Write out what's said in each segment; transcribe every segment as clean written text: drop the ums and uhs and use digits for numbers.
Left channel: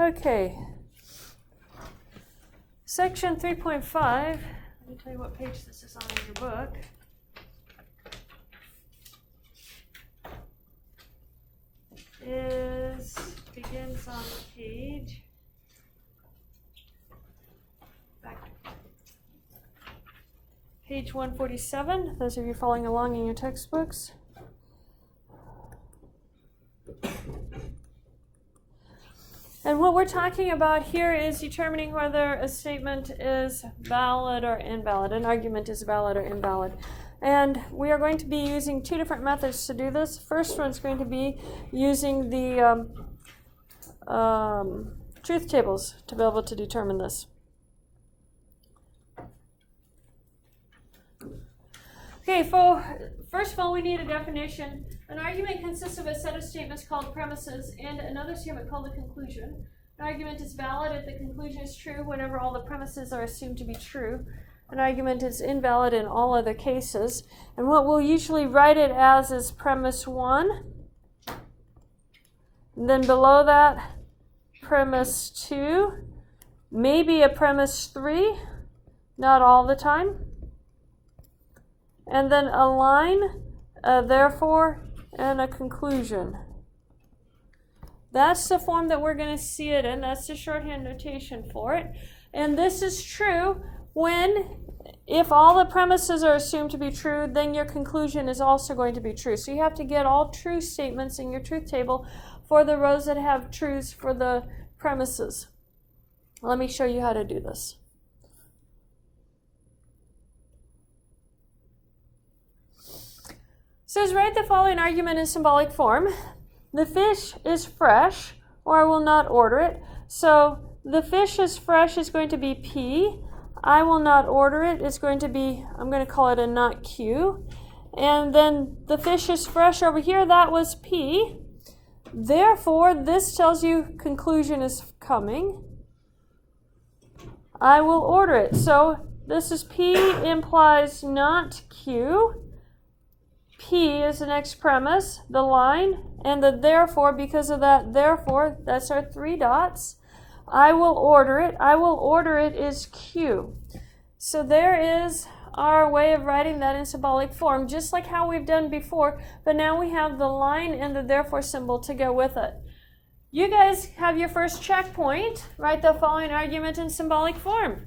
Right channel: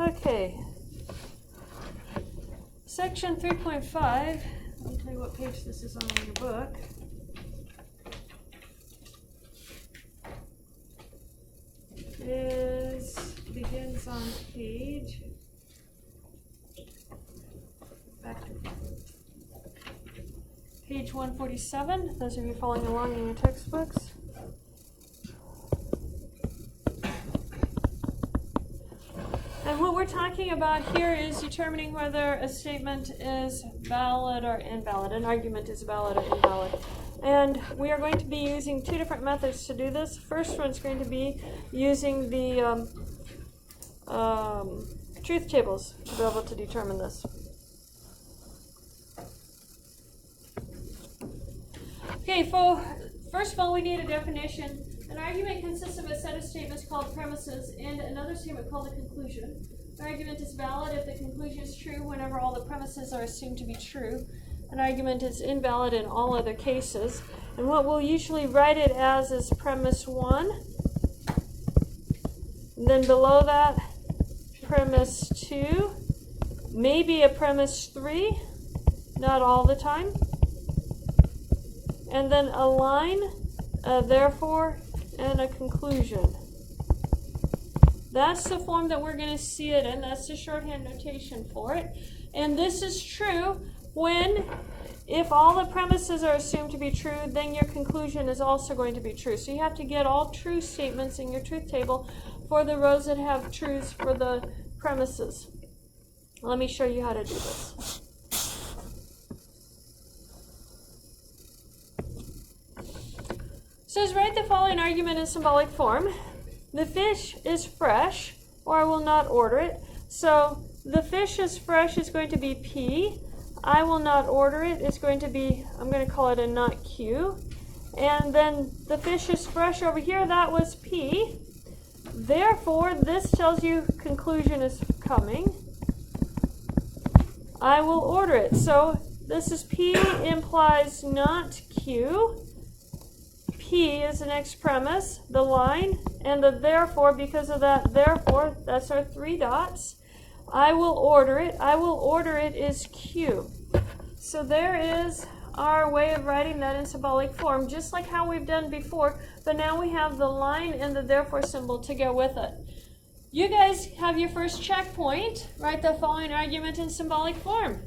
Okay. Section 3.5. Let me tell you what page this is on in your book. Begins on page 147, those of you following along in your textbooks. And what we're talking about here is determining whether a statement is valid or invalid, an argument is valid or invalid. And we are going to be using two different methods to do this. First one's going to be using the truth tables to be able to determine this. Okay, first of all, we need a definition. An argument consists of a set of statements called premises and another statement called a conclusion. An argument is valid if the conclusion is true whenever all the premises are assumed to be true. An argument is invalid in all other cases. And what we'll usually write it as is premise 1. And then below that, premise 2. Maybe a premise 3, not all the time. And then a line, therefore, and a conclusion. That's the form that we're going to see it in. That's the shorthand notation for it. And this is true if all the premises are assumed to be true, then your conclusion is also going to be true. So you have to get all true statements in your truth table for the rows that have truths for the premises. Let me show you how to do this. It says, write the following argument in symbolic form. The fish is fresh, or I will not order it. So the fish is fresh is going to be P. I will not order it is going to be, I'm going to call it a not Q. And then the fish is fresh over here, that was P. Therefore, this tells you conclusion is coming. I will order it. So this is P implies not Q. P is the next premise, the line, and the therefore, because of that therefore, that's our 3 dots. I will order it. I will order it is Q. So there is our way of writing that in symbolic form, just like how we've done before, but now we have the line and the therefore symbol to go with it. You guys have your first checkpoint. Write the following argument in symbolic form.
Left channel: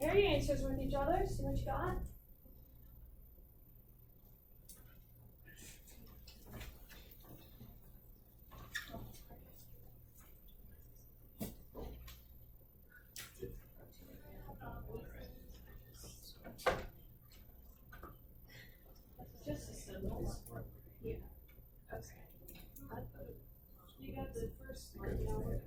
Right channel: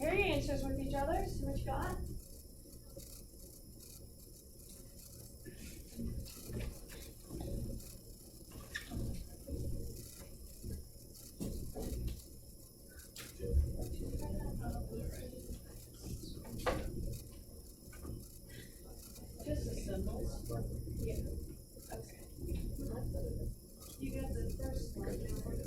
Pair your answers with each other. See what you got. Just the symbols. Yeah. Okay. You got the first one now. There's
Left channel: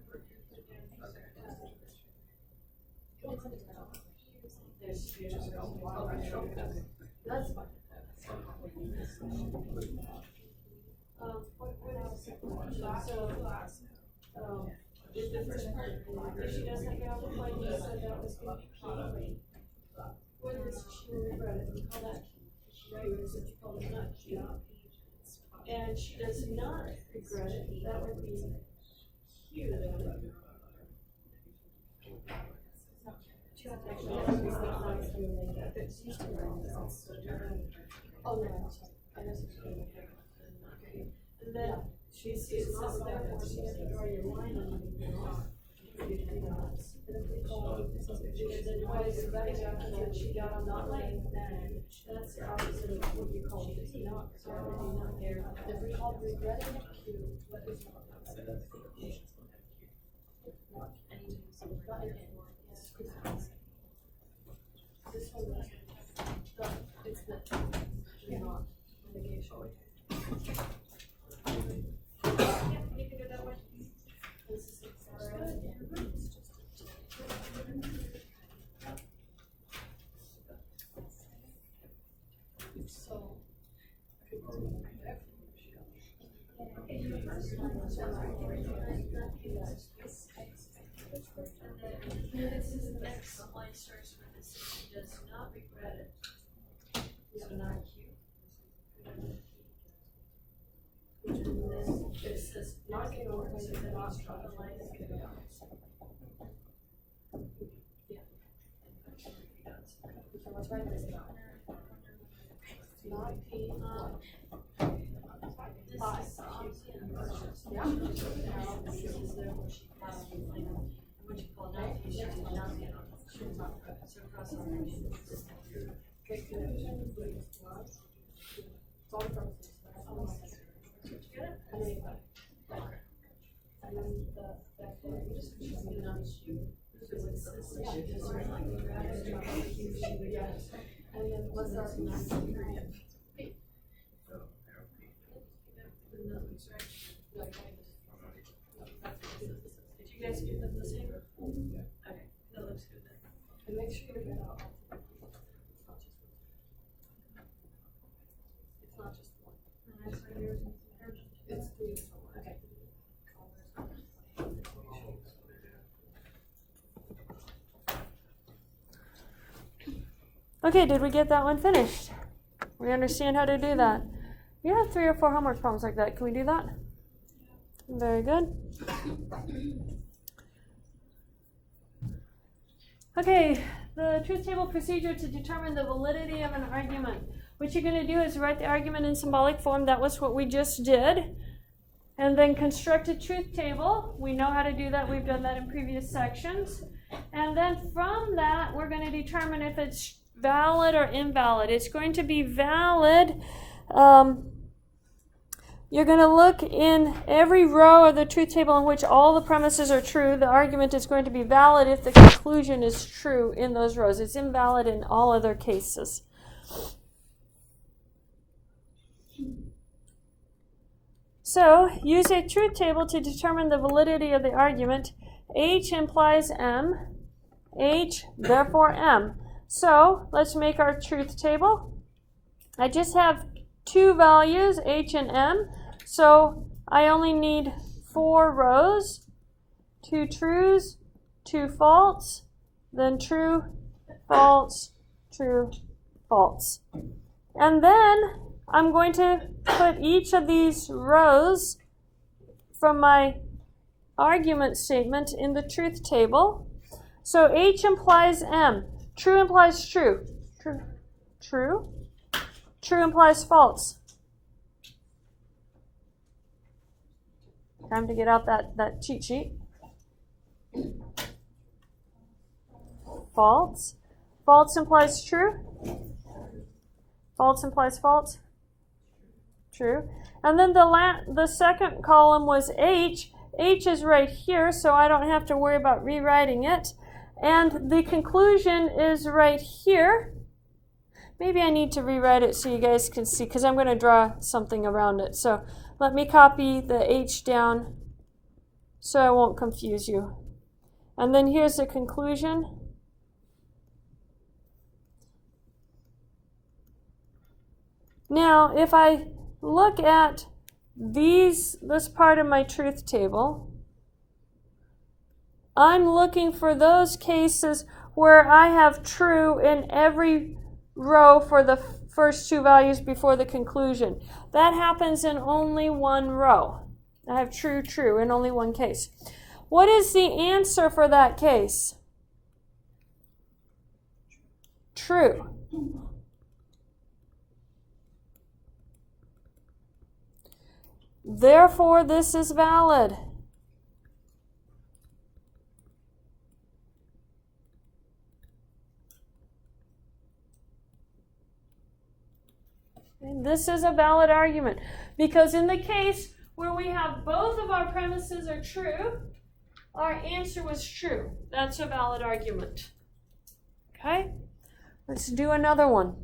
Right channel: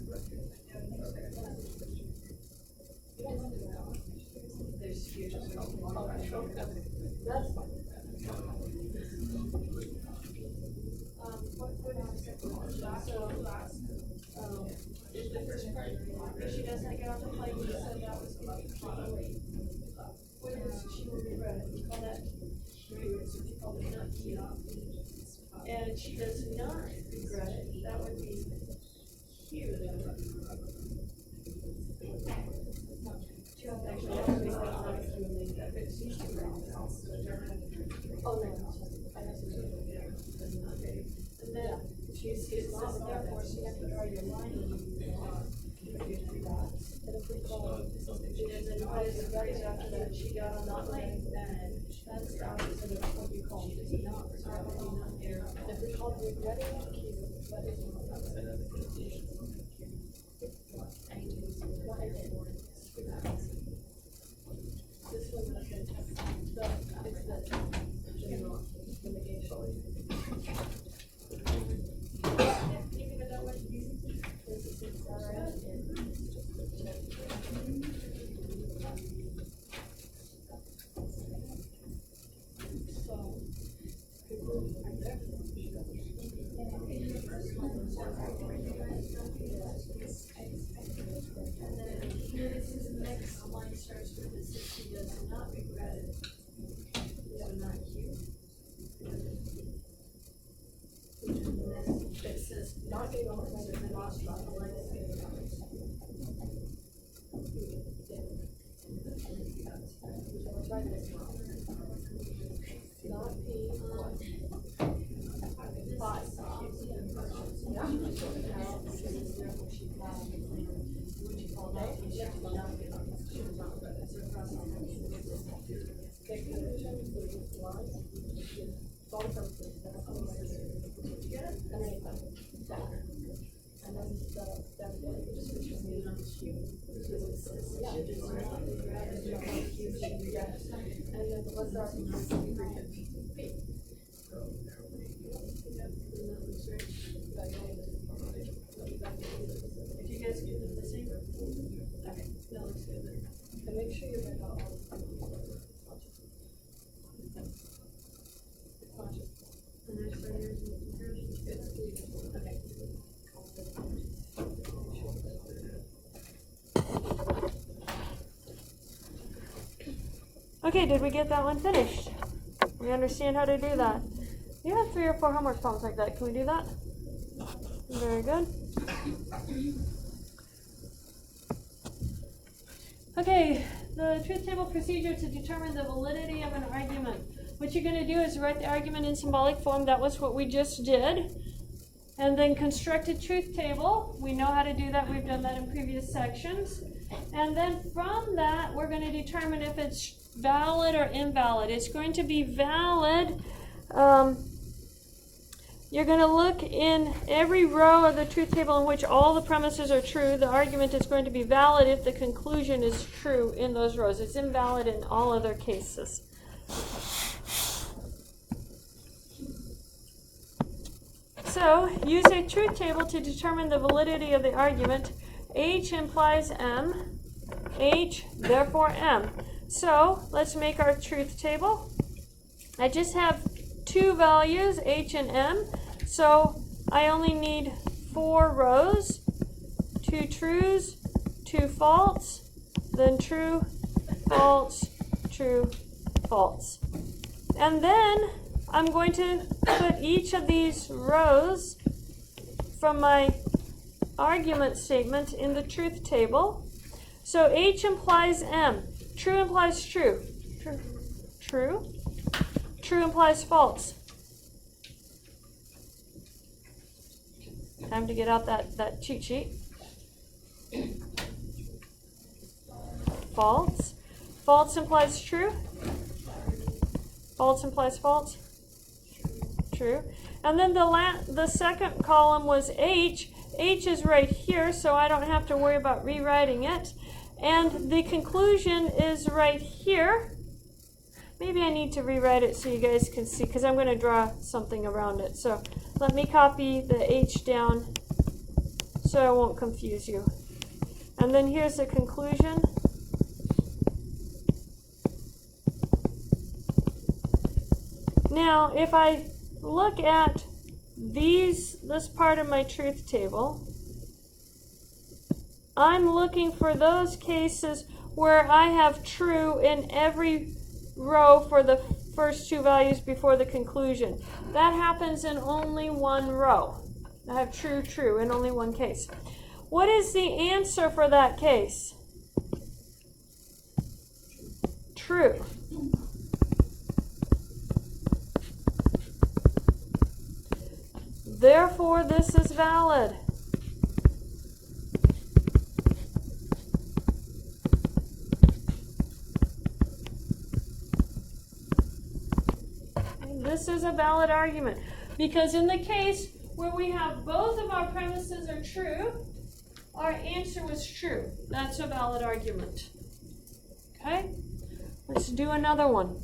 that's fine. Is the first part, if she doesn't get off the plane, you said that was going to be what is she will regret it? We call that right, so we call it not Q. And she does not regret it. That would be Q. Actually, that's Oh, no, I know. And then she's not therefore, so you have to draw your line on your 3 dots. And if we call it, and then what is it right after that, she got on that line, then that's the opposite of what you call it, not there. If we call regretted Q, what is not this one, it's the not the negation. Yeah, you can go that way. This is alright. This is the next line starts with the 60 does not regret it. So not Q. And then it says not getting over, so then not the line is getting over. What's right there? Not P. And then what's our ingredient? Did you guys do them the same? Okay, that looks good then. And make sure you get out all the it's not just one. And next one yours is it's 3. Okay. Okay, did we get that one finished? We understand how to do that. We have 3 or 4 homework problems like that. Can we do that? Very good. Okay, the truth table procedure to determine the validity of an argument. What you're going to do is write the argument in symbolic form. That was what we just did. And then construct a truth table. We know how to do that. We've done that in previous sections. And then from that, we're going to determine if it's valid or invalid. It's going to be valid. You're going to look in every row of the truth table in which all the premises are true. The argument is going to be valid if the conclusion is true in those rows. It's invalid in all other cases. So, use a truth table to determine the validity of the argument. H implies M. H, therefore M. So, let's make our truth table. I just have 2 values, H and M. So, I only need 4 rows. 2 trues, 2 false, then true, false, true, false. And then I'm going to put each of these rows from my argument statement in the truth table. So H implies M. True implies true. True. True. True implies false. Time to get out that cheat sheet. False. False implies true. False implies false. True. And then the second column was H. H is right here, so I don't have to worry about rewriting it. And the conclusion is right here. Maybe I need to rewrite it so you guys can see, because I'm going to draw something around it. So let me copy the H down so I won't confuse you. And then here's the conclusion. Now, if I look at this part of my truth table, I'm looking for those cases where I have true in every row for the first 2 values before the conclusion. That happens in only one row. I have true, true in only one case. What is the answer for that case? True. Therefore, this is valid. This is a valid argument because in the case where we have both of our premises are true, our answer was true. That's a valid argument. Okay? Let's do another one.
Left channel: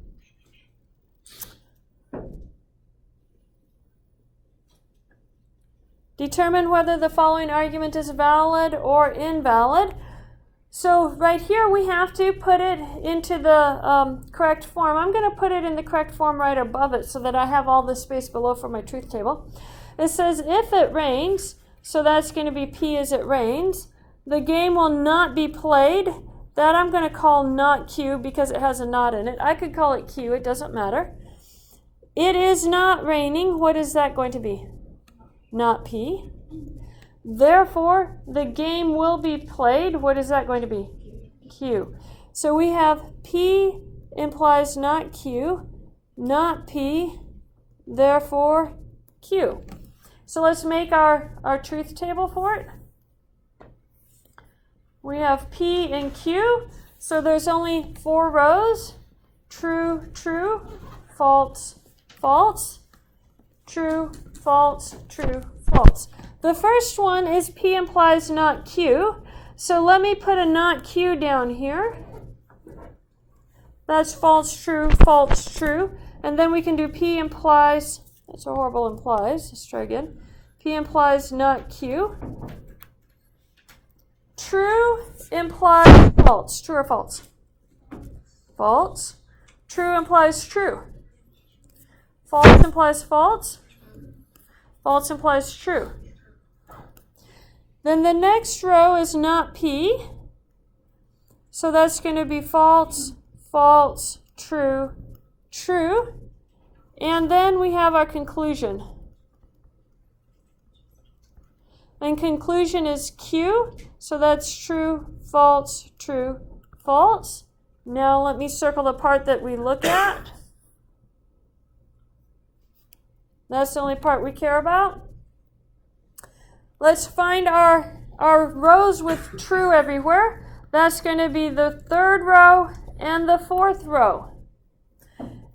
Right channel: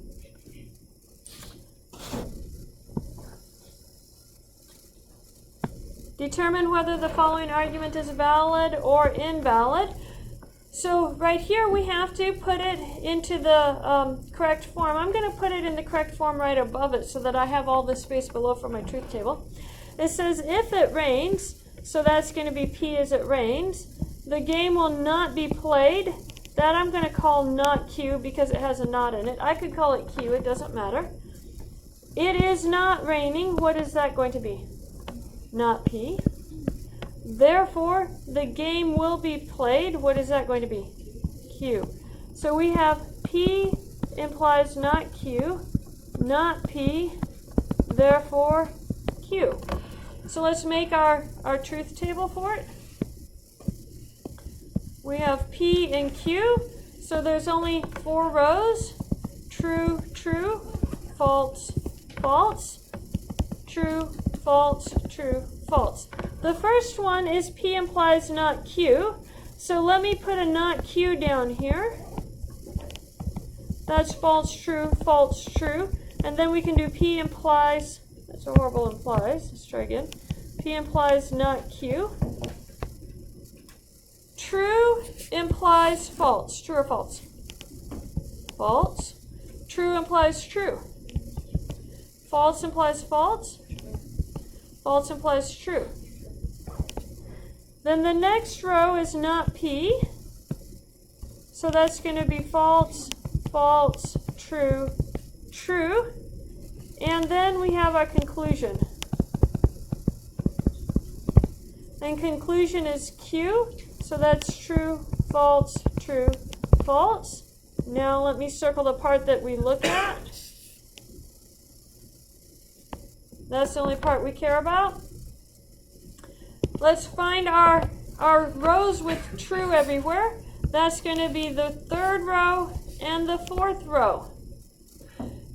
Determine whether the following argument is valid or invalid. So right here we have to put it into the correct form. I'm going to put it in the correct form right above it so that I have all the space below for my truth table. It says if it rains, so that's going to be P as it rains, the game will not be played. That I'm going to call not Q because it has a not in it. I could call it Q, it doesn't matter. It is not raining. What is that going to be? Not P. Therefore, the game will be played. What is that going to be? Q. So we have P implies not Q, not P, therefore Q. So let's make our truth table for it. We have P and Q, so there's only 4 rows. True, true, false, false, true, false, true, false. The first one is P implies not Q. So let me put a not Q down here. That's false, true, true. And then we can do P implies, that's a horrible implies. Let's try again. P implies not Q. True implies false. True or false? False. True implies true. False implies false. False implies true. Then the next row is not P. So that's going to be false, false, true, true. And then we have our conclusion. And conclusion is Q. So that's true, false, true, false. Now let me circle the part that we look at. That's the only part we care about. Let's find our rows with true everywhere. That's going to be the 3rd row and the 4th row.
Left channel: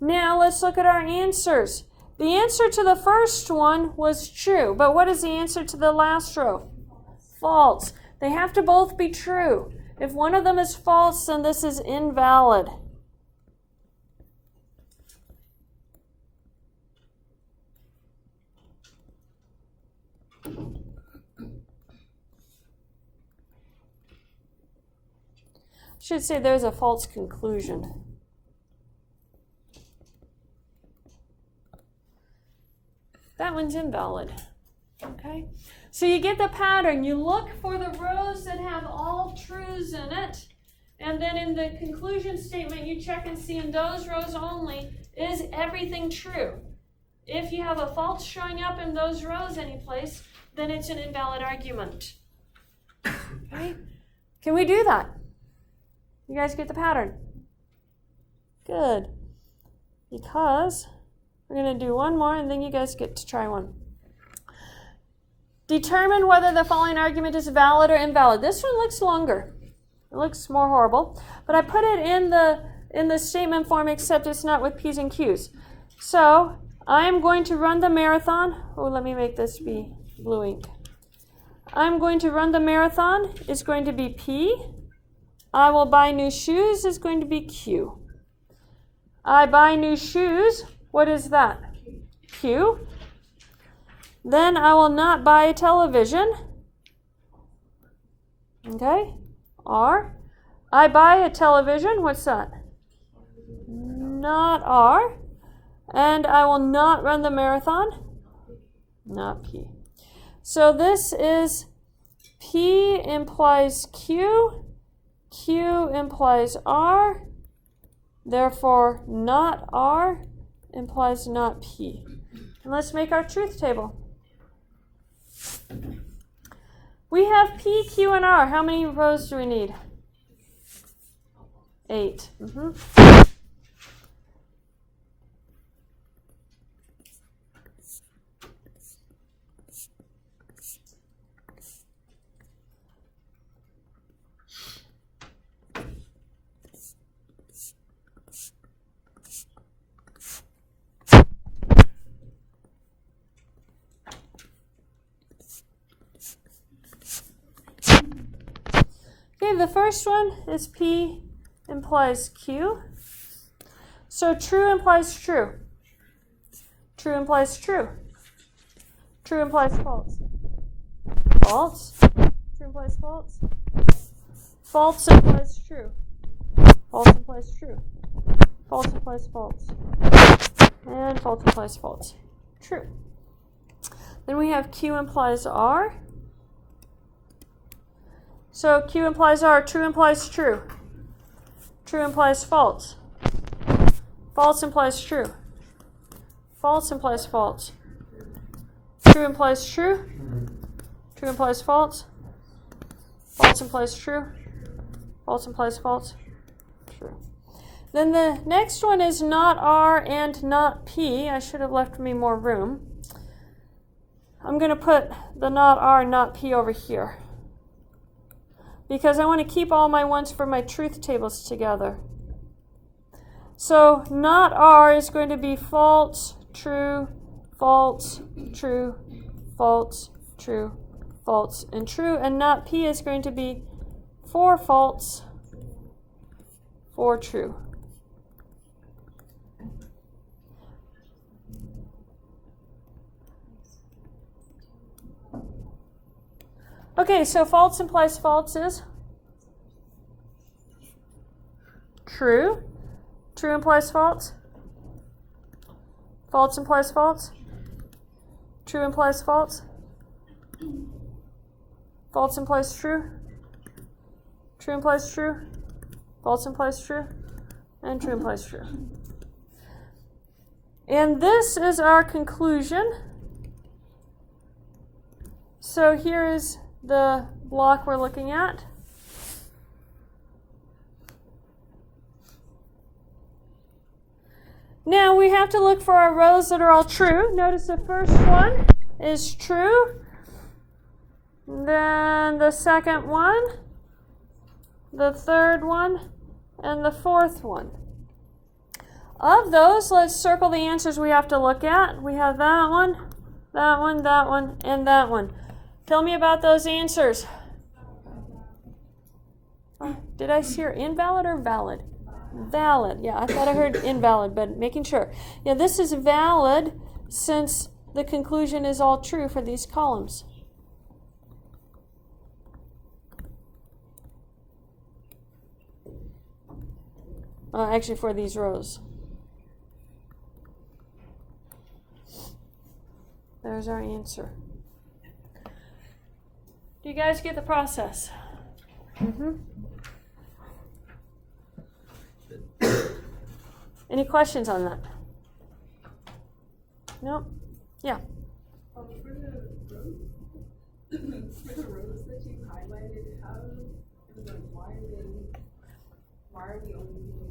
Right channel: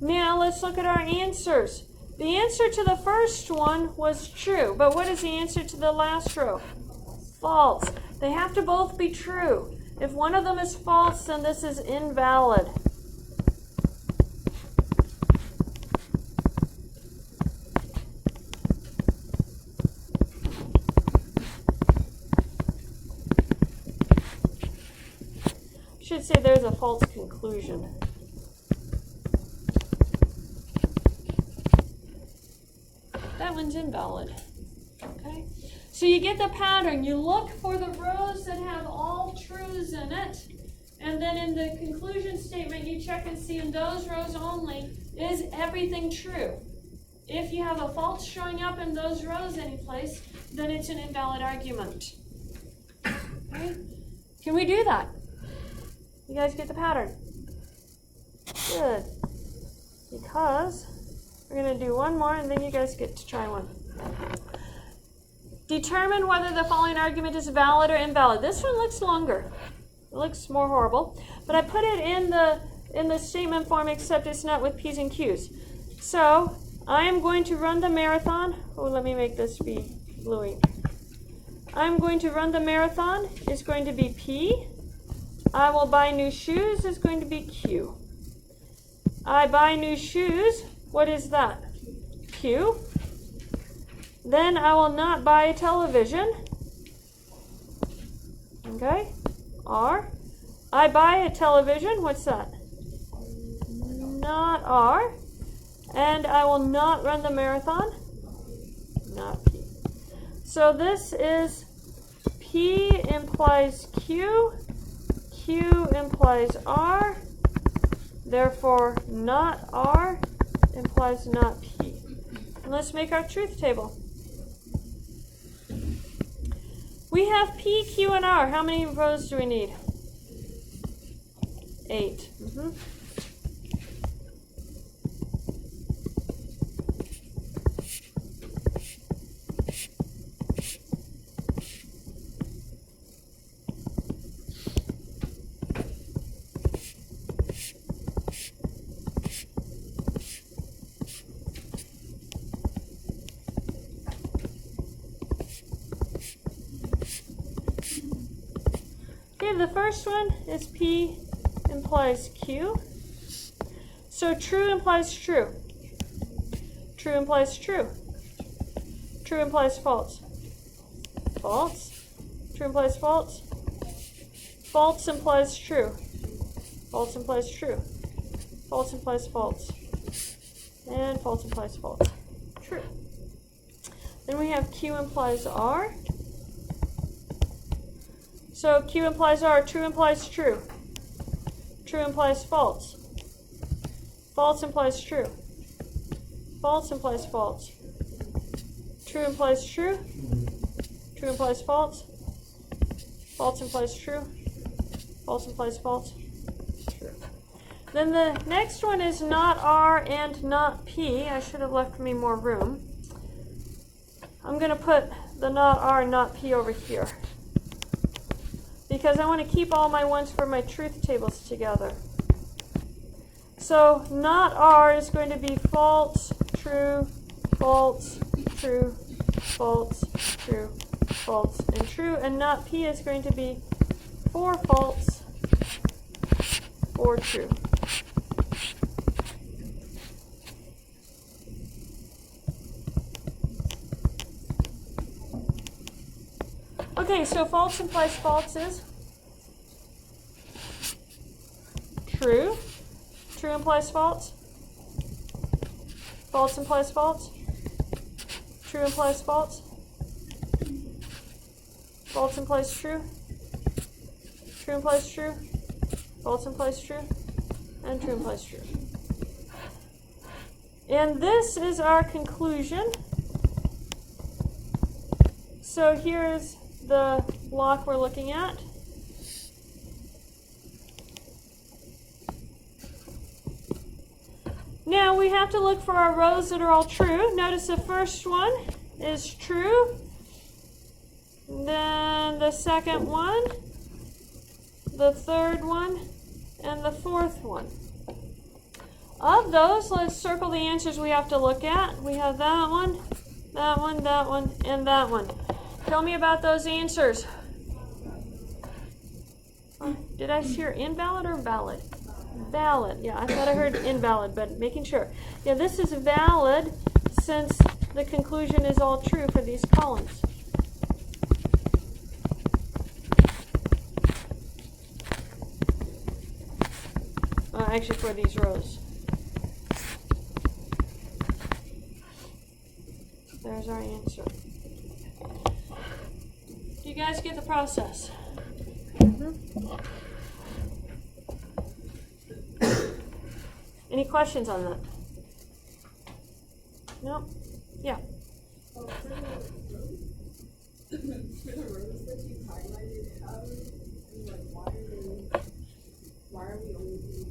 Now let's look at our answers. The answer to the first one was true, but what is the answer to the last row? False. They have to both be true. If one of them is false, then this is invalid. Should say there's a false conclusion. That one's invalid. Okay? So you get the pattern. You look for the rows that have all truths in it, and then in the conclusion statement you check and see in those rows only, is everything true? If you have a false showing up in those rows anyplace, then it's an invalid argument. Okay? Can we do that? You guys get the pattern? Good. Because we're going to do one more and then you guys get to try one. Determine whether the following argument is valid or invalid. This one looks longer. It looks more horrible. But I put it in the statement form except it's not with P's and Q's. So I am going to run the marathon. Oh, let me make this be blue ink. I'm going to run the marathon is going to be P. I will buy new shoes is going to be Q. I buy new shoes, what is that? Q. Then I will not buy a television. Okay, R. I buy a television, what's that? Not R. And I will not run the marathon. Not P. So this is P implies Q. Q implies R, therefore not R implies not P. And let's make our truth table. We have P, Q, and R. How many rows do we need? 8. first one is P implies Q. So true implies true. True implies true. True implies false. False. True implies false. False implies true. False implies true. False implies false. And false implies false. True. Then we have Q implies R. So Q implies R. True implies true. True implies false. False implies true. False implies false. True implies true. True implies false. False implies true. False implies false. True. Then the next one is not R and not P. I should have left me more room. I'm going to put the not R and not P over here, because I want to keep all my ones for my truth tables together. So not R is going to be false, true, false, true, false, true, false, and true. And not P is going to be 4 false, 4 true. Okay, so false implies false is true. True implies false. False implies false. True implies false. False implies true. True implies true. False implies true. And true implies true. And this is our conclusion. So here is the block we're looking at. Now we have to look for our rows that are all true. Notice the first one is true. Then the second one, the third one, and the fourth one. Of those, let's circle the answers we have to look at. We have that one, that one, that one, and that one. Tell me about those answers. Did I hear invalid or valid? Valid. Yeah, I thought I heard invalid, but making sure. Yeah, this is valid since the conclusion is all true for these columns. Actually, for these rows. There's our answer. Do you guys get the process? Any questions on that? No? Yeah. For the rows that you highlighted, why are we only doing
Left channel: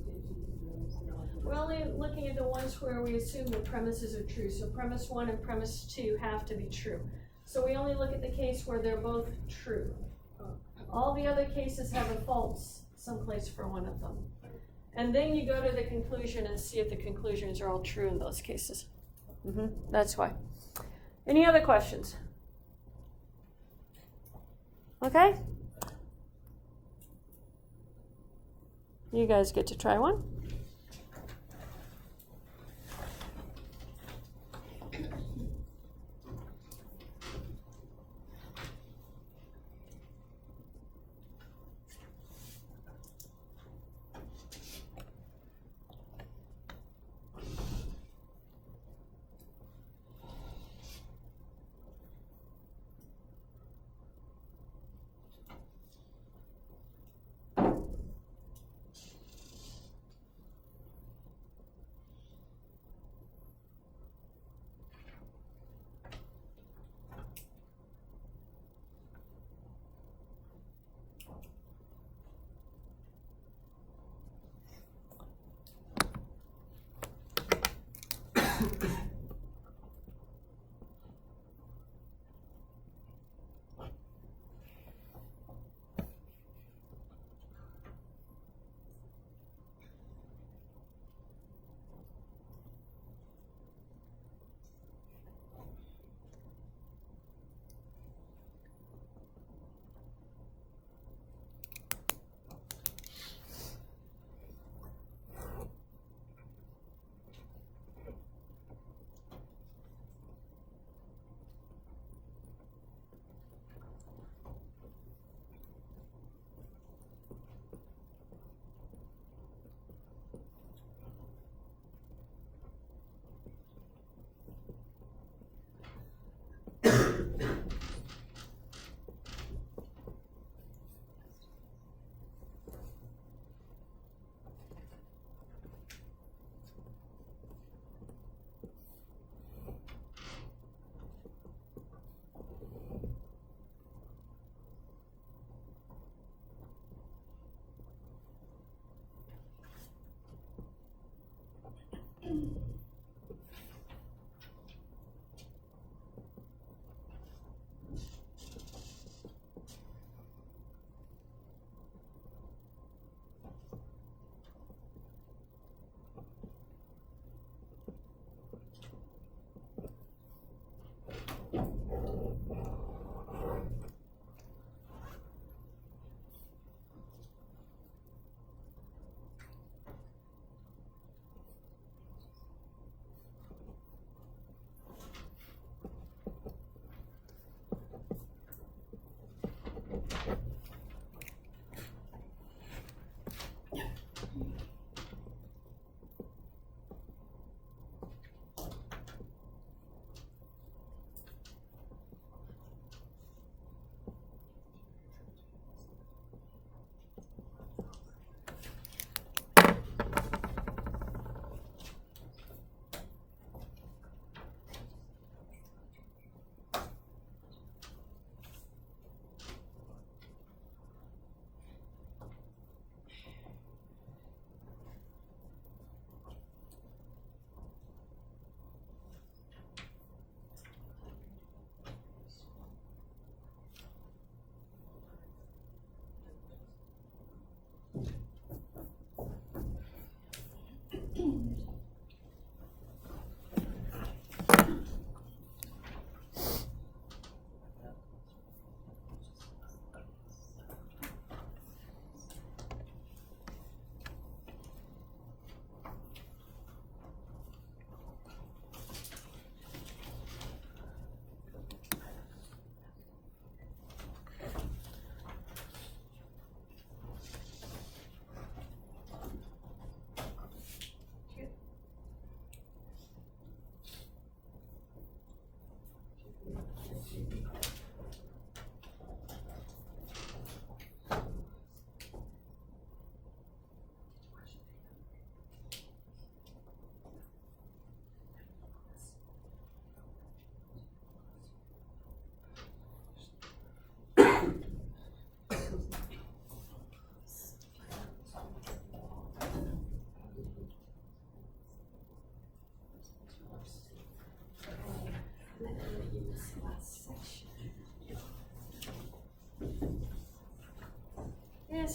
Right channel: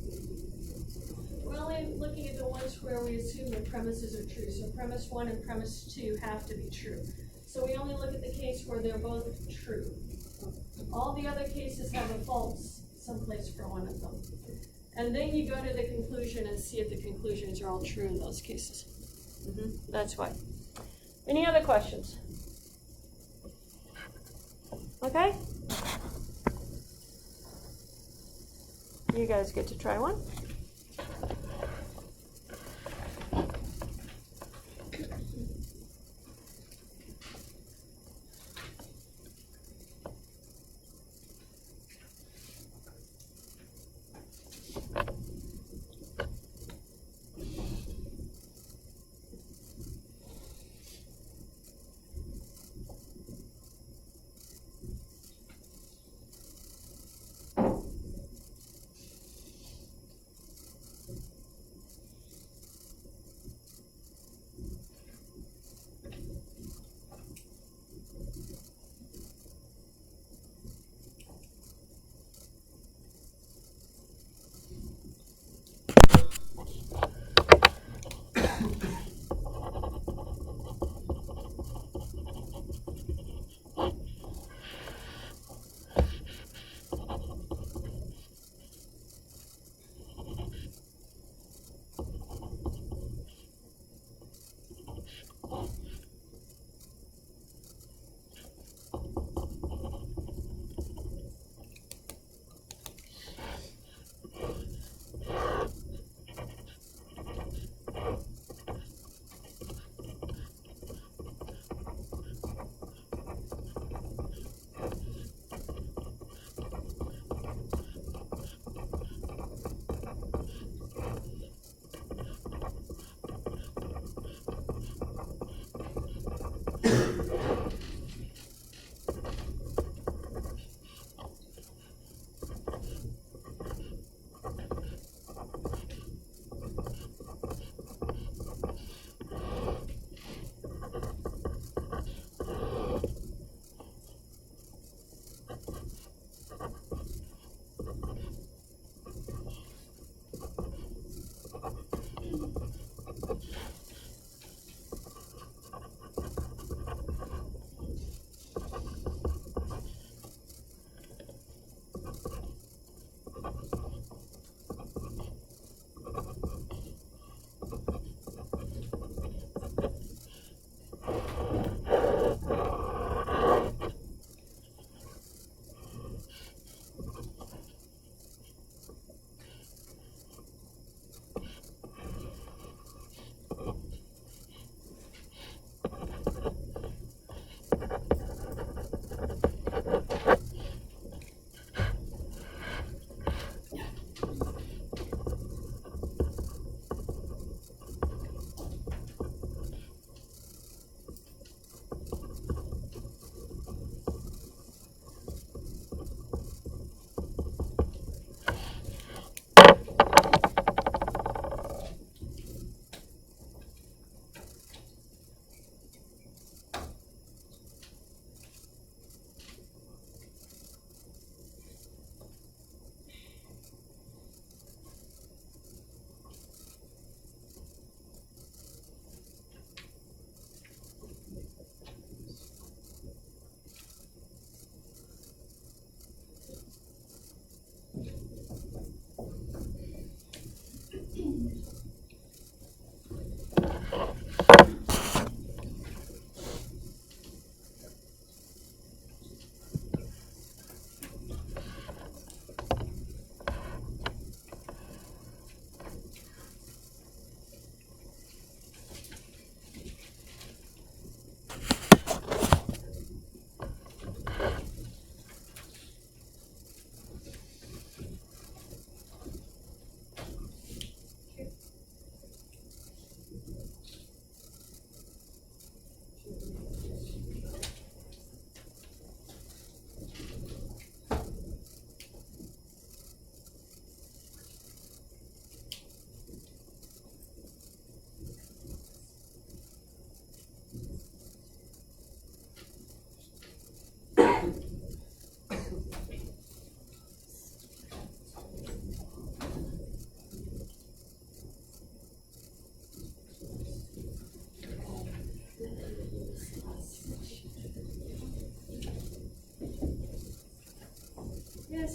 We're only looking at the ones where we assume the premises are true. So premise 1 and premise 2 have to be true. So we only look at the case where they're both true. All the other cases have a false someplace for one of them. And then you go to the conclusion and see if the conclusions are all true in those cases. That's why. Any other questions? Okay? You guys get to try one.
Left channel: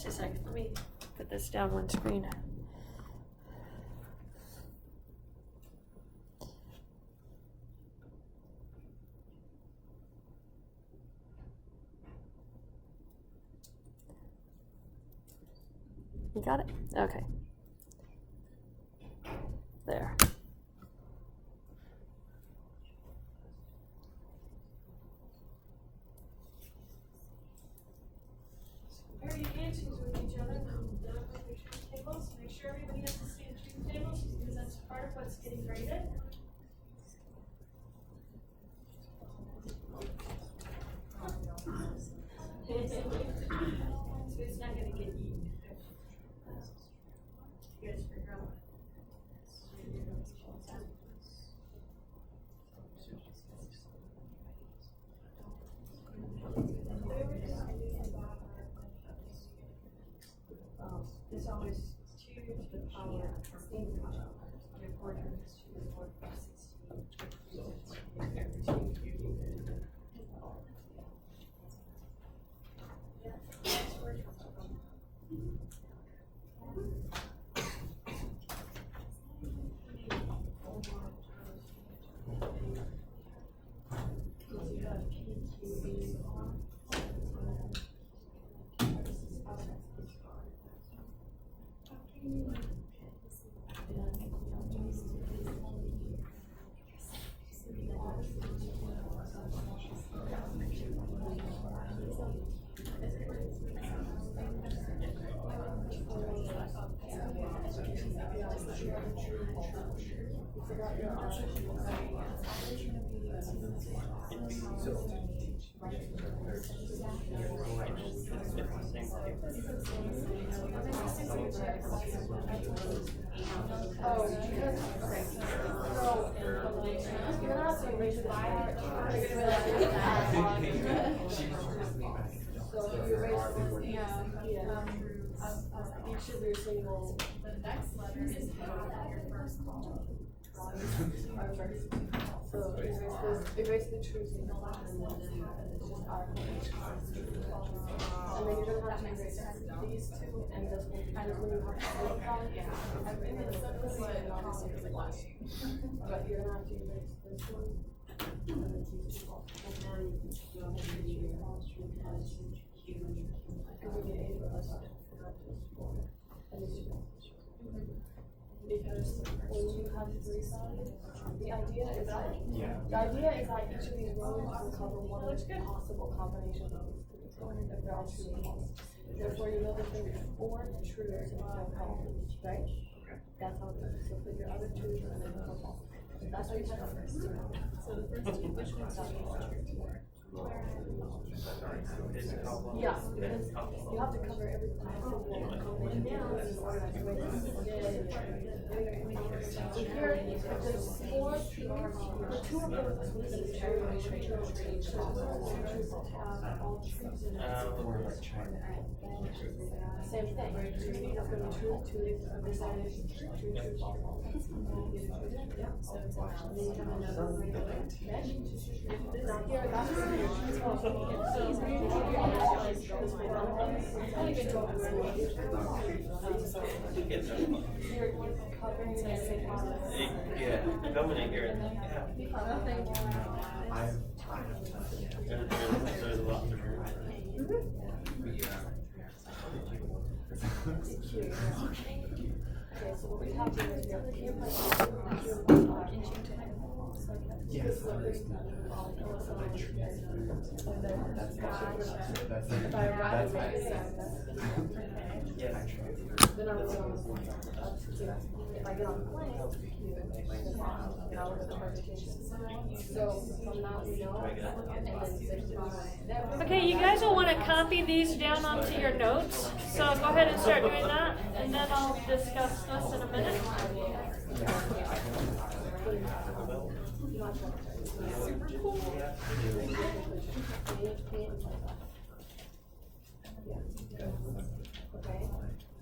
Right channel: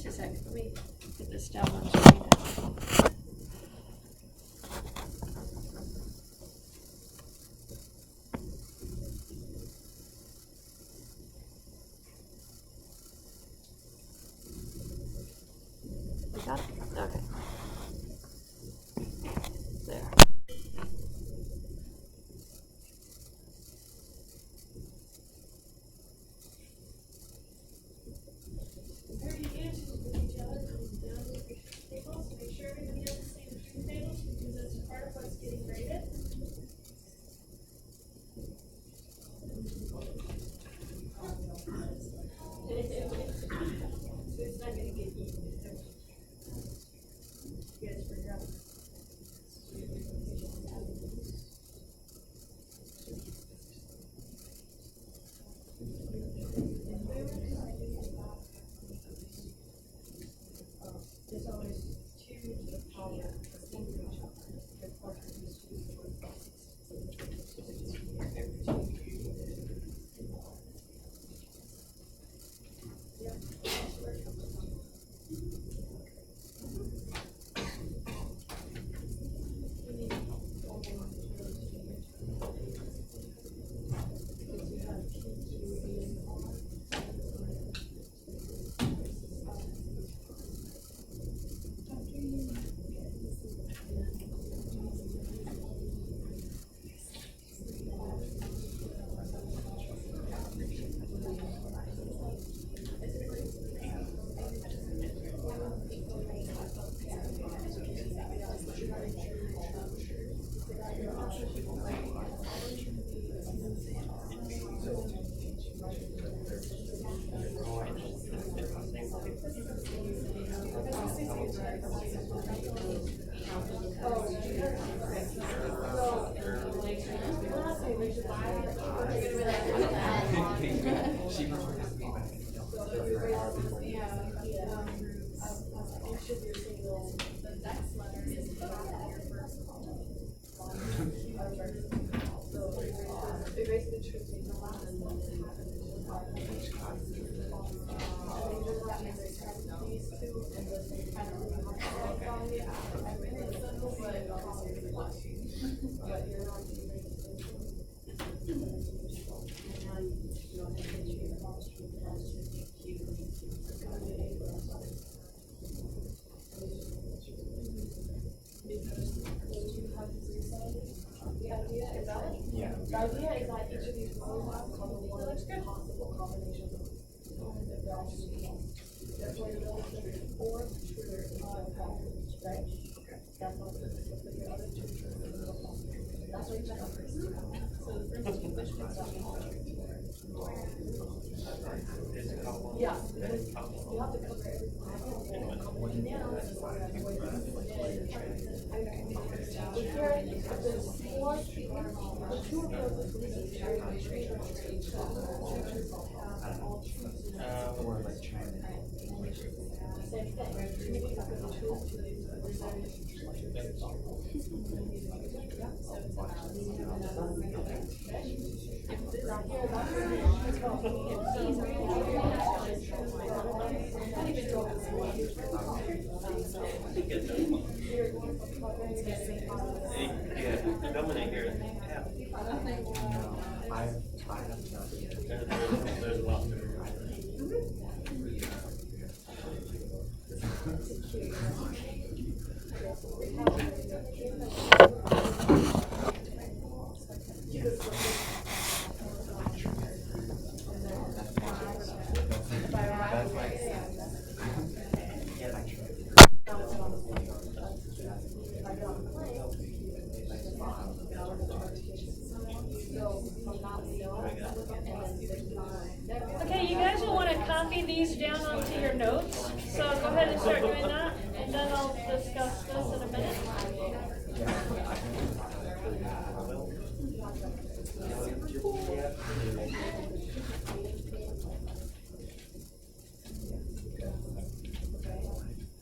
Just a second, let me put this down on screen. You got it? Okay. There. 30 inches with each other, come down with your truth tables. Make sure everybody has the same truth tables because that's part of what's getting graded. So it's not gonna get eaten. You guys figure out. There's always 2 to the power of 10. The quarter is 2 to the 4 plus It basically chooses the last and then and then you don't have to erase these two and this one kind of really hard to look at it. But you're gonna have to erase this one. And then you'll have to choose because when you have the three sides, the idea is that each of these rows will cover one possible combination of if they're all true or false. Therefore, you know if they're or true or false, right? That's how it is. So put your other two true and then false. That's how you check out first. So the first two questions are yeah, because you have to cover everything. If there's 4 people, the 2 of them will be true and true have all truths in it. Same thing, 2 leads are going to be true, 2 leads are going to be true, false. Yeah, nominate here. I have not yet. There's a lot there. Okay, you guys will want to copy these down onto your notes, so go ahead and start doing that, and then I'll discuss this in a minute.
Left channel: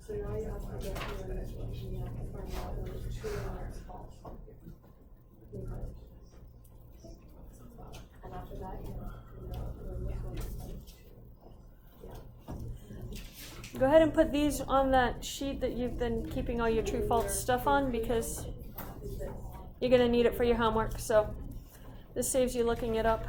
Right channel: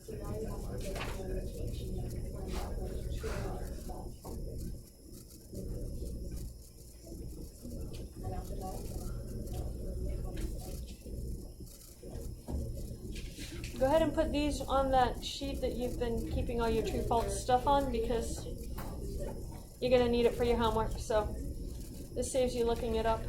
So now you have to get to the next one, you have to find out whether it's true or false. And after that, go ahead and put these on that sheet that you've been keeping all your true false stuff on, because you're gonna need it for your homework, so this saves you looking it up.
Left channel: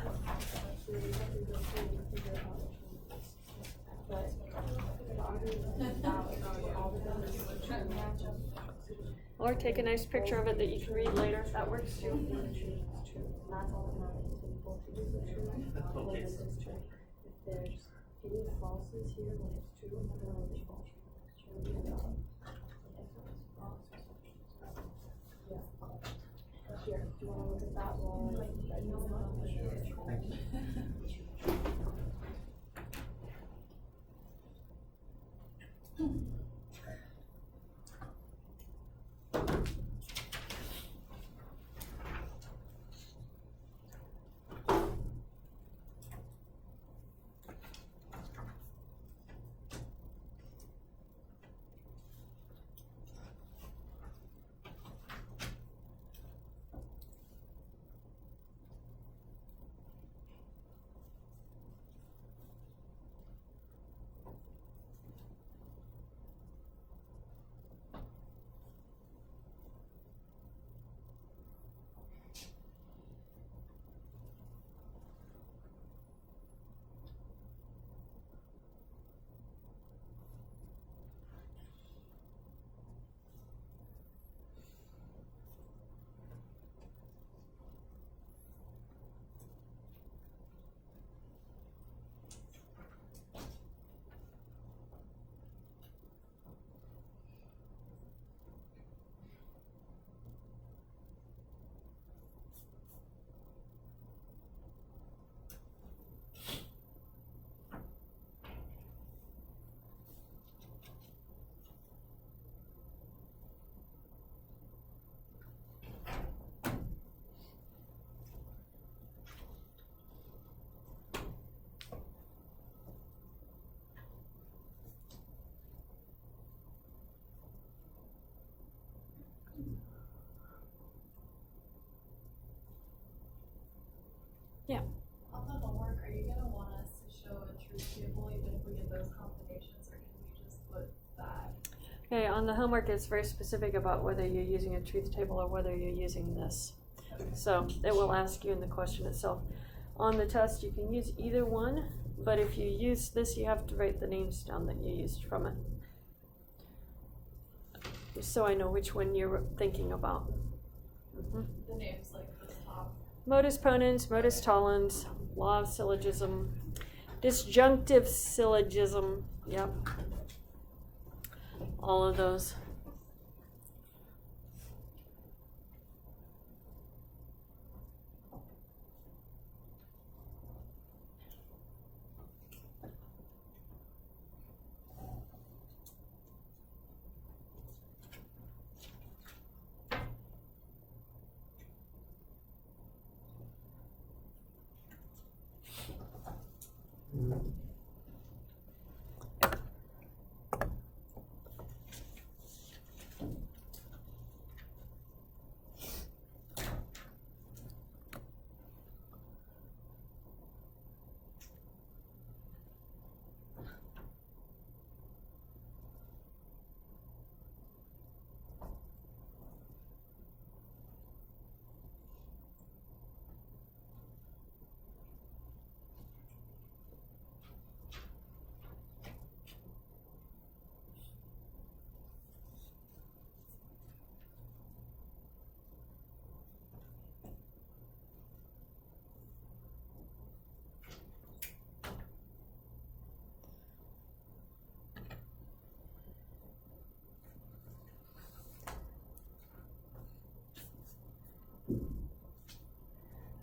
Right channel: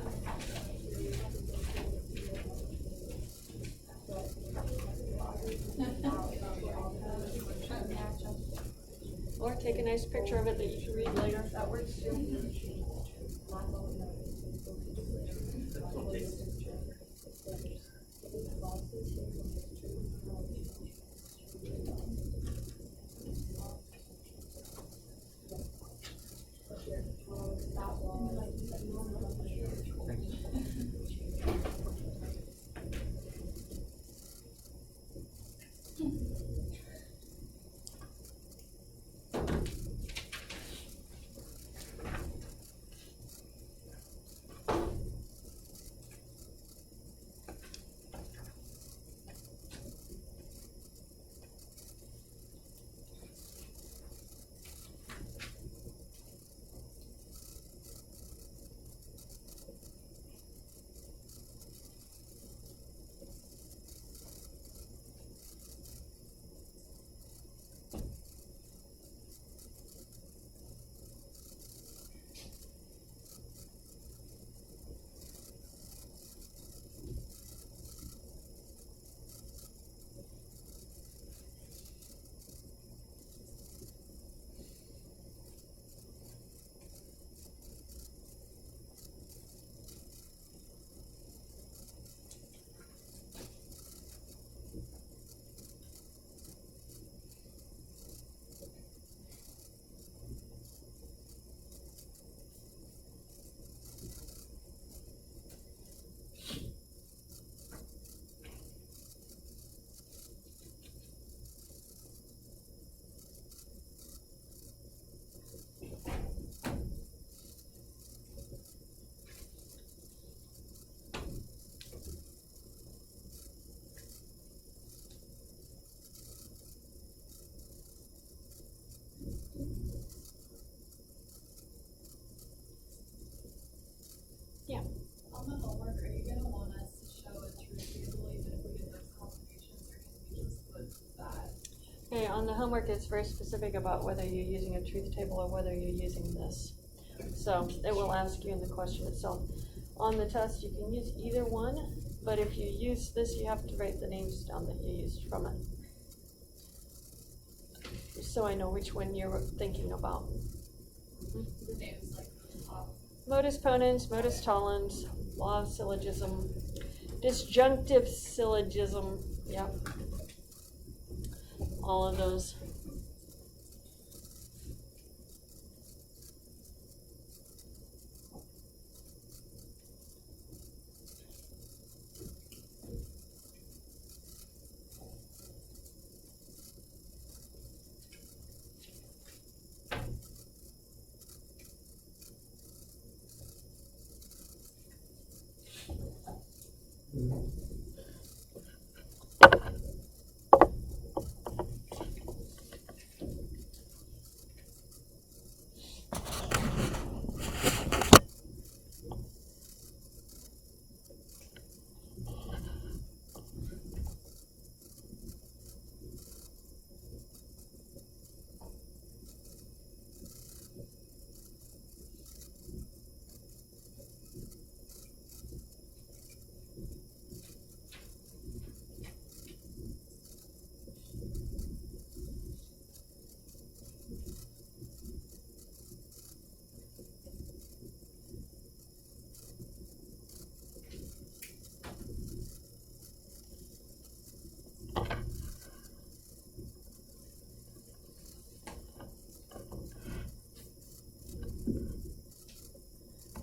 Or take a nice picture of it that you can read later, if that works too. That's okay. On the homework, are you gonna want us to show a truth table even if we get those combinations, or can we just put that? Okay, on the homework, it's very specific about whether you're using a truth table or whether you're using this. So it will ask you in the question itself. On the test, you can use either one, but if you use this, you have to write the names down that you used from it. Just so I know which one you're thinking about. The names like the top. Modus ponens, modus tollens, law of syllogism, disjunctive syllogism, yep. All of those.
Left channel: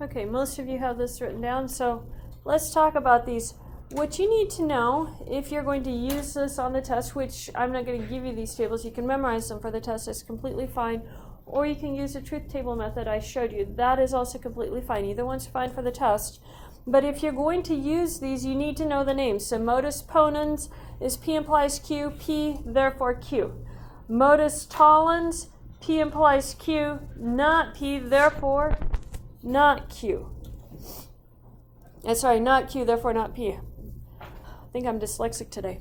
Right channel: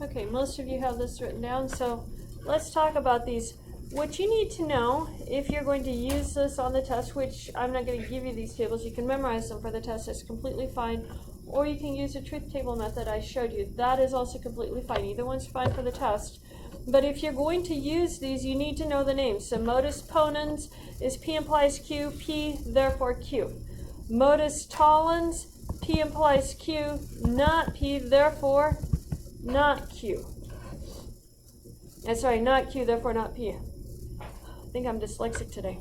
Okay, most of you have this written down, so let's talk about these. What you need to know if you're going to use this on the test, which I'm not going to give you these tables, you can memorize them for the test, it's completely fine, or you can use the truth table method I showed you. That is also completely fine. Either one's fine for the test. But if you're going to use these, you need to know the names. So modus ponens is P implies Q, P, therefore Q. Modus tollens, P implies Q, not P, therefore not Q. Sorry, not Q, therefore not P. I think I'm dyslexic today.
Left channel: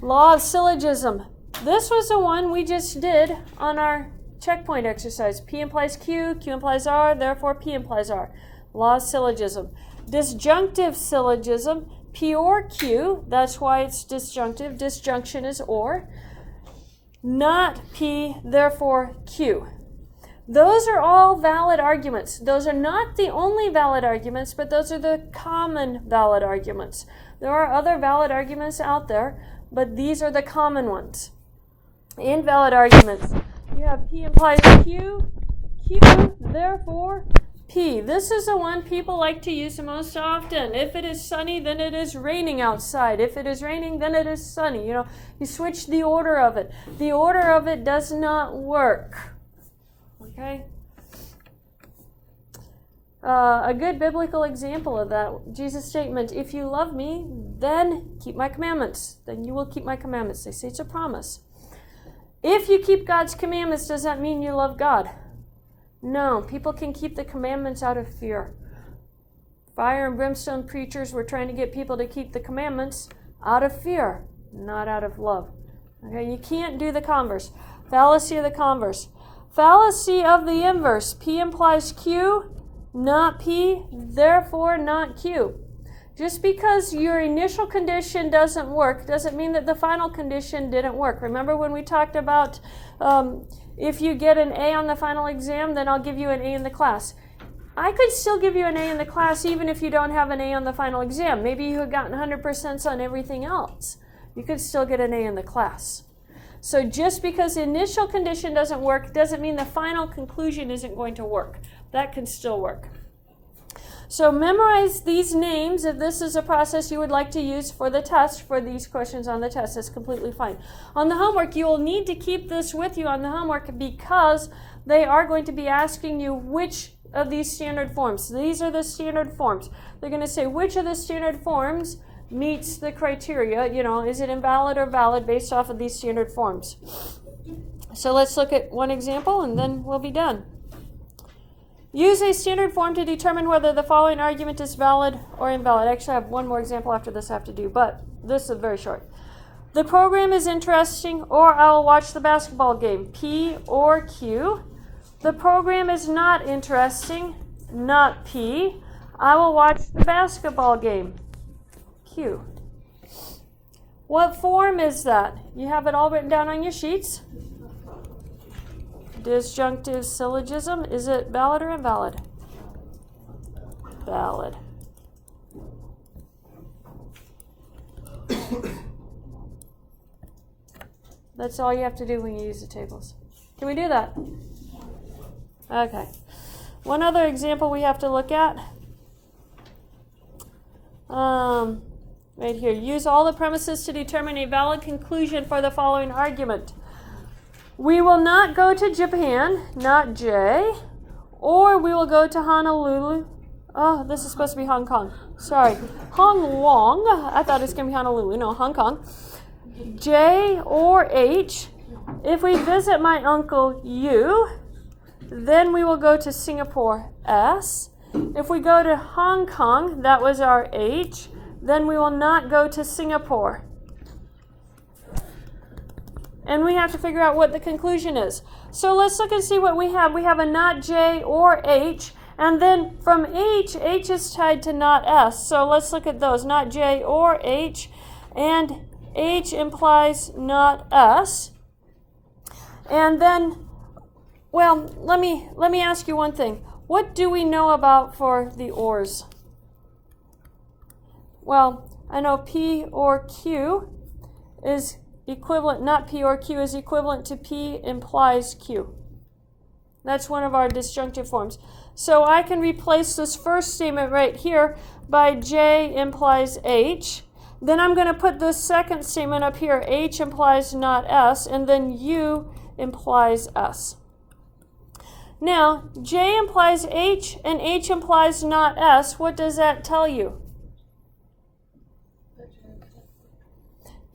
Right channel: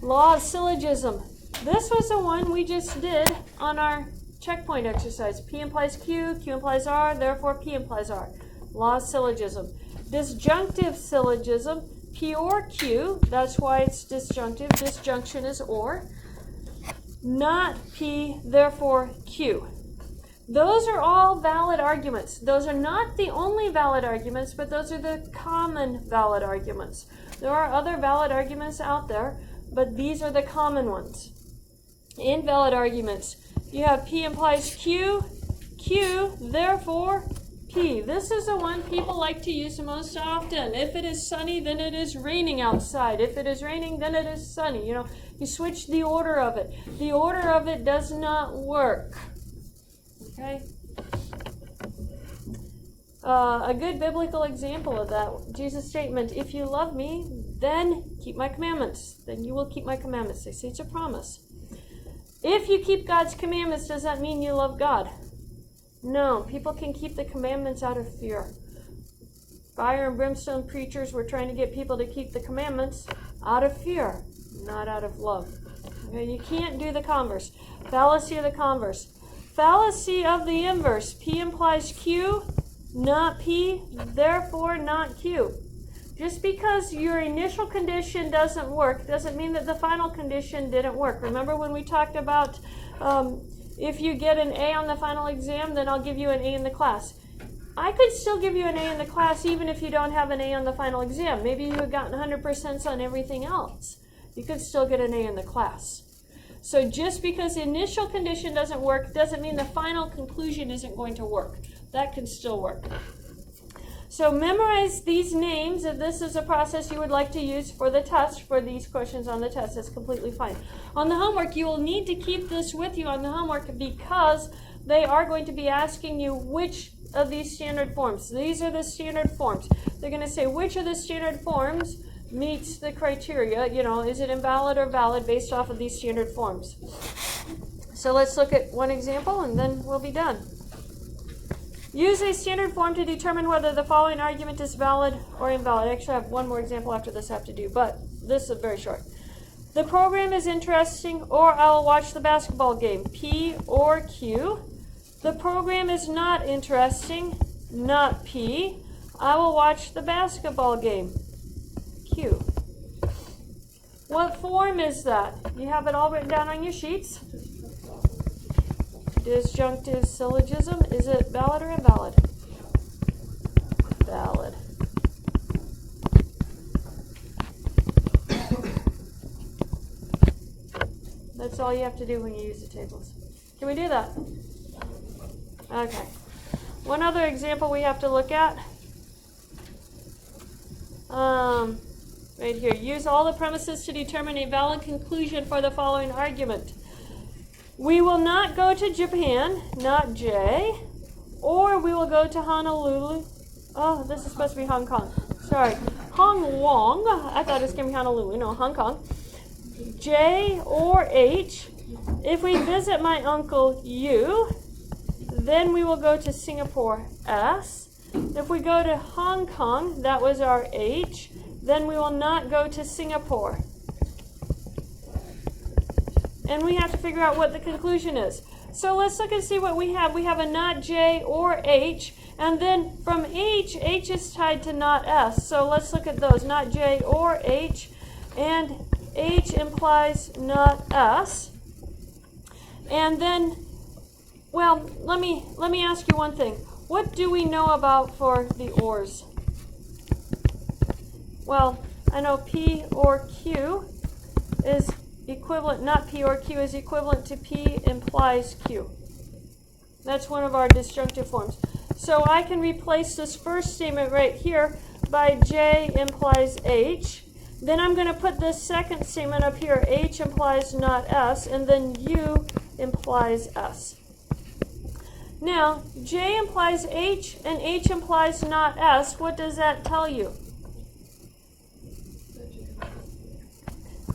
Law of syllogism. This was the one we just did on our checkpoint exercise. P implies Q, Q implies R, therefore P implies R. Law of syllogism. Disjunctive syllogism. P or Q, that's why it's disjunctive. Disjunction is or. Not P, therefore Q. Those are all valid arguments. Those are not the only valid arguments, but those are the common valid arguments. There are other valid arguments out there, but these are the common ones. Invalid arguments. You have P implies Q, Q, therefore P. This is the one people like to use the most often. If it is sunny, then it is raining outside. If it is raining, then it is sunny. You switch the order of it. The order of it does not work. Okay? A good biblical example of that, Jesus' statement, if you love me, then keep my commandments. Then you will keep my commandments. They say it's a promise. If you keep God's commandments, does that mean you love God? No, people can keep the commandments out of fear. Fire and brimstone preachers were trying to get people to keep the commandments out of fear, not out of love. Okay, you can't do the converse. Fallacy of the converse. Fallacy of the inverse. P implies Q, not P, therefore not Q. Just because your initial condition doesn't work doesn't mean that the final condition didn't work. Remember when we talked about if you get an A on the final exam, then I'll give you an A in the class. I could still give you an A in the class even if you don't have an A on the final exam. Maybe you had gotten 100% on everything else. You could still get an A in the class. So just because the initial condition doesn't work doesn't mean the final conclusion isn't going to work. That can still work. So memorize these names if this is a process you would like to use for the test, for these questions on the test. That's completely fine. On the homework, you will need to keep this with you on the homework because they are going to be asking you which of these standard forms. These are the standard forms. They're going to say which of the standard forms meets the criteria. Is it invalid or valid based off of these standard forms? So let's look at one example and then we'll be done. Use a standard form to determine whether the following argument is valid or invalid. Actually, I have one more example after this I have to do, but this is very short. The program is interesting, or I will watch the basketball game. P or Q. The program is not interesting, not P. I will watch the basketball game. Q. What form is that? You have it all written down on your sheets. Disjunctive syllogism. Is it valid or invalid? Valid. That's all you have to do when you use the tables. Can we do that? Okay. One other example we have to look at. Right here. Use all the premises to determine a valid conclusion for the following argument. We will not go to Japan, not J, or we will go to Honolulu. Oh, this is supposed to be Hong Kong. Sorry. Hong Wong. I thought it was going to be Honolulu. No, Hong Kong. J or H. If we visit my uncle U, then we will go to Singapore S. If we go to Hong Kong, that was our H, then we will not go to Singapore. And we have to figure out what the conclusion is. So let's look and see what we have. We have a not J or H. And then from H, H is tied to not S. So let's look at those. Not J or H. And H implies not S. And then, well, let me ask you one thing. What do we know about for the ors? Well, I know P or Q is equivalent, not P or Q is equivalent to P implies Q. That's one of our disjunctive forms. So I can replace this first statement right here by J implies H. Then I'm going to put this second statement up here, H implies not S, and then U implies S. Now, J implies H and H implies not S. What does that tell you?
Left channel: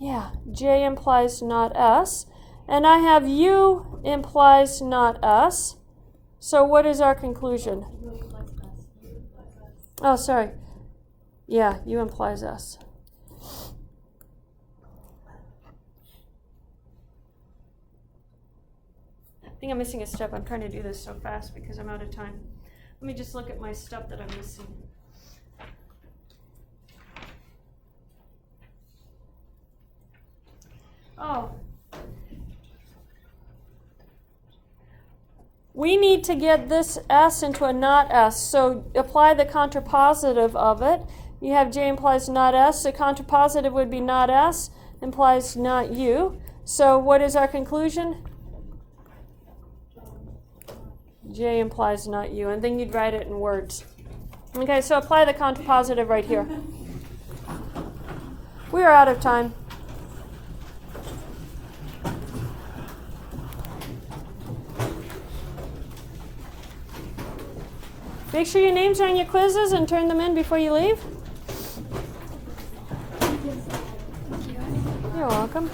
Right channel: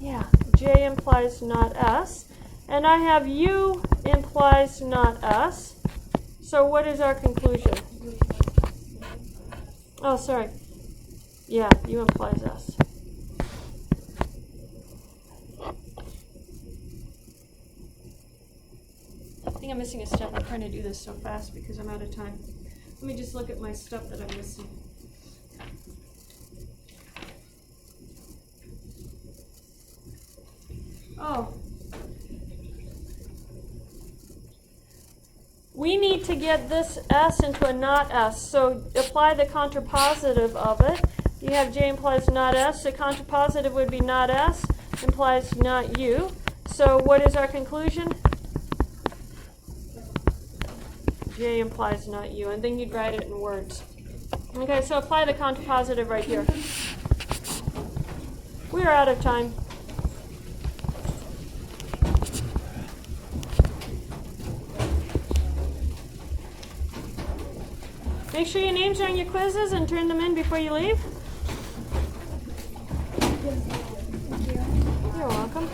Yeah, J implies not S. And I have U implies not S. So what is our conclusion? Oh, sorry. Yeah, U implies S. think I'm missing a step. I'm trying to do this so fast because I'm out of time. Let me just look at my stuff that I'm missing. Oh. We need to get this S into a not S, so apply the contrapositive of it. You have J implies not S, the contrapositive would be not S, implies not U. So what is our conclusion? J implies not U, and then you'd write it in words. Okay, so apply the contrapositive right here. We are out of time. Make sure your names are on your quizzes and turn them in before you leave. You're welcome.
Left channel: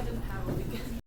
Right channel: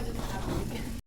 I didn't have a weekend.